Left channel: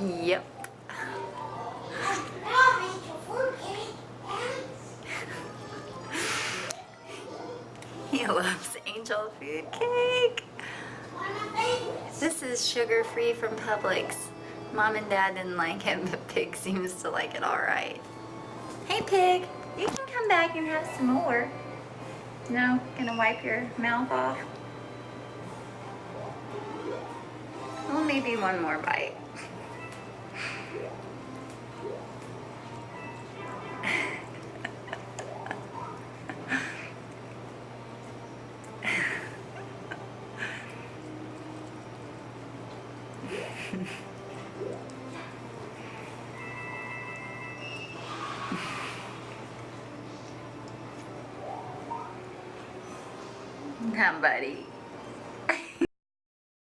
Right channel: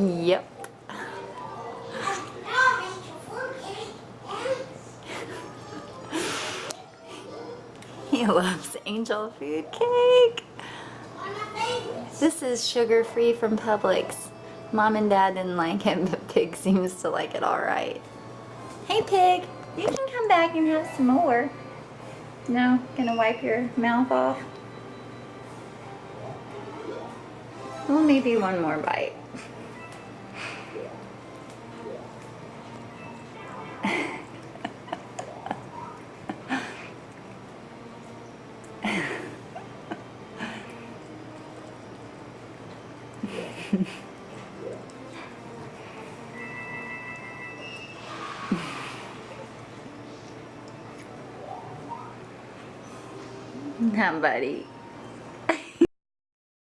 Yep. He loves angel food cake. This is sugar-free from Publix. Mom and Dad didn't like it, but Pig seems to like it alright. Hey Pig, you can come back and have some more. No? Gonna wipe your mouth off? Well, maybe one more bite. Buddy.